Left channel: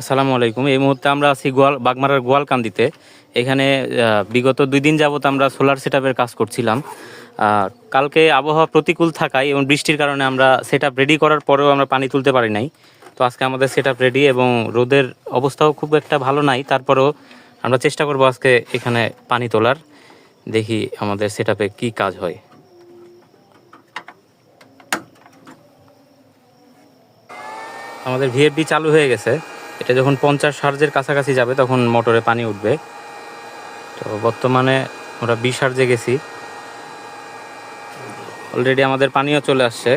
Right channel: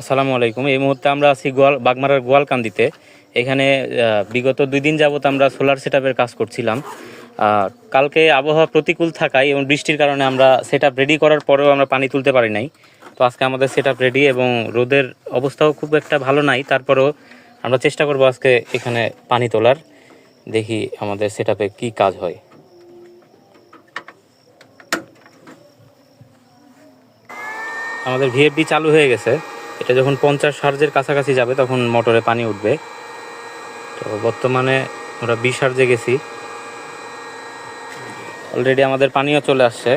আসসালামু আলাইকুম। এই মুহূর্তে আমরা আছি বাগমারার গোয়ালকান্দিতে। এখানে বিগত 2 দিন যাবত আমরা সোলার সেটআপের কাজ করছিলাম। কালকে আবহাওয়া প্রতিকূল থাকায় এবং বৃষ্টির কারণে আমরা সেটআপ রেডি করার পরেও আমরা পানি তুলতে পারি নাই। তো আজকে আমাদের সেটআপ রেডি এবং রোদের অবস্থাও খুব একটা ভালো নাই, তারপরেও আমরা চেষ্টা করব আজকে এখানে পানি তোলার। দেখি আমাদের সেটআপে কি কাজ হয়। আমাদের ভিএফডি চালু হয়ে গেছে। এটা যখন 50 হার্জের কাছাকাছি যাবে তখন মোটরে পানি উঠবে। তো বর্তমানে আমরা 20 হার্জে গেছি, অলরেডি আমাদের পানিও চলে আসছে।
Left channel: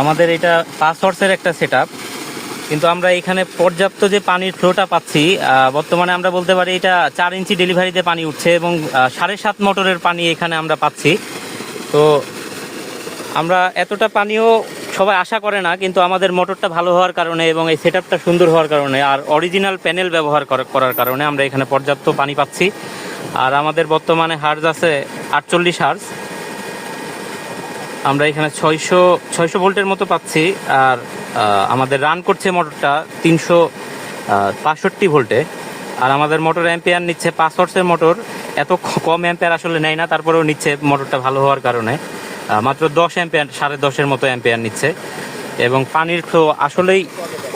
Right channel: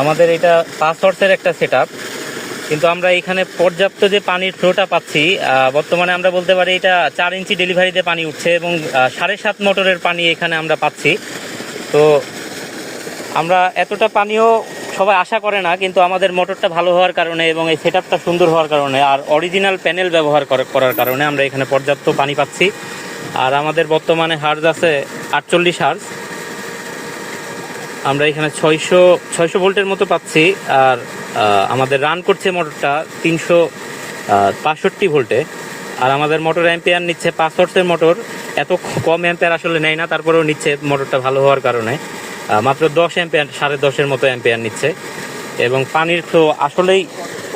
আমাদের এটা 5 হর্সের একটা সেটআপ, কিন্তু আমরা এখানে পর্যাপ্ত যে পানির ফ্লোটা পাচ্ছি, বর্তমানে আমরা বলতে পারি এটা 4 ইঞ্চি ডেলিভারিতে পানি উঠছে এবং 7.5 মোটরের পানি এখানে আমরা পাচ্ছি। তো আমরা এতটা পানিও সবাই আশা করে না, কিন্তু আমাদের মোটরটা ভালো হওয়ার কারণে এবং এই সেটআপটা সুন্দর হওয়ার কারণে আর অরিজিনাল প্যানেল ব্যবহার করার কারণে আমরা এখানে পর্যাপ্ত পানি পাচ্ছি। আর আমাদের বর্তমানে হার্জ আছে 48 হার্জ। আমরা এখানে 600 ভোল্টের মতো পাচ্ছি। আর আমাদের রান করছে মোটরটা 365 ভোল্টে। আর আমাদের মোটর অ্যাম্পিয়ার নিচ্ছে 5 হর্সের মোটর, এত কম অ্যাম্পিয়ার আসলে নেয় না, তারপরেও নিচ্ছে মোটরটা ভালো হওয়ার কারণে। মাত্র 10 অ্যাম্পিয়ার, 10.5-এর মতো অ্যাম্পিয়ার নিচ্ছে এবং পানির ফ্লো আসলেই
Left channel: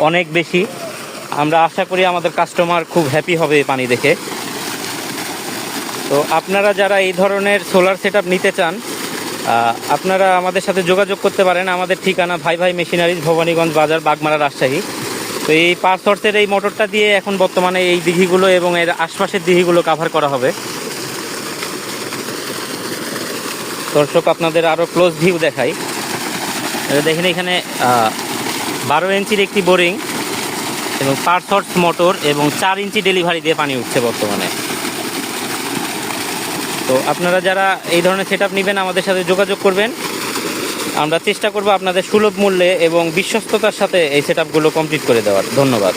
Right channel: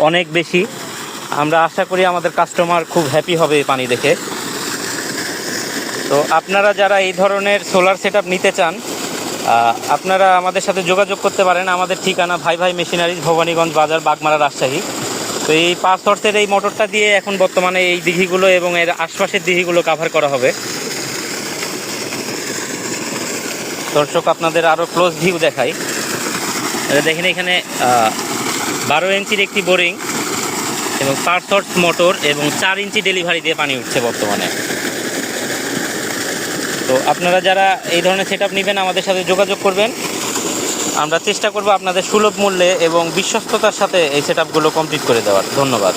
অনেক বেশি। আমরা আশা করি আমাদের কাস্টমার খুব হ্যাপি হবে এই পানি দেখে। তো আপনারা যারা এই ধরনের সোলার সেটআপ নিতে চান, আপনারা আমাদের সাথে যোগাযোগ করতে পারেন। আমাদের ঠিকানা ভাই ভাই মেশিনারিজ, ভবানীগঞ্জ বাজার, বাগমারা, রাজশাহী। তো এই 5 হর্সের এই মোটরটা দিয়ে এখন বর্তমানে এই দিঘিগুলো এবং এর আশপাশের দিঘিগুলো কাভার করা হবে। দর্শক, আপনাদের আরও ক্লোজ ভিউ দেখাই। দেখেন এখানে 12 ইঞ্চির একটি বোরিং এবং 5 হর্স মোটর এবং 4 ইঞ্চি ডেলিভারি দিয়ে পানি উঠছে বর্তমানে। তো আপনারা যারা এই ধরনের সেটআপ নেবেন আমাদের সাথে যোগাযোগ করবেন। আমরা চেষ্টা করব আপনাদের সুলভ মূল্যে এবং বিশ্বস্ততার সাথে এই সেটআপগুলো কমপ্লিট করে দেওয়ার। ধন্যবাদ।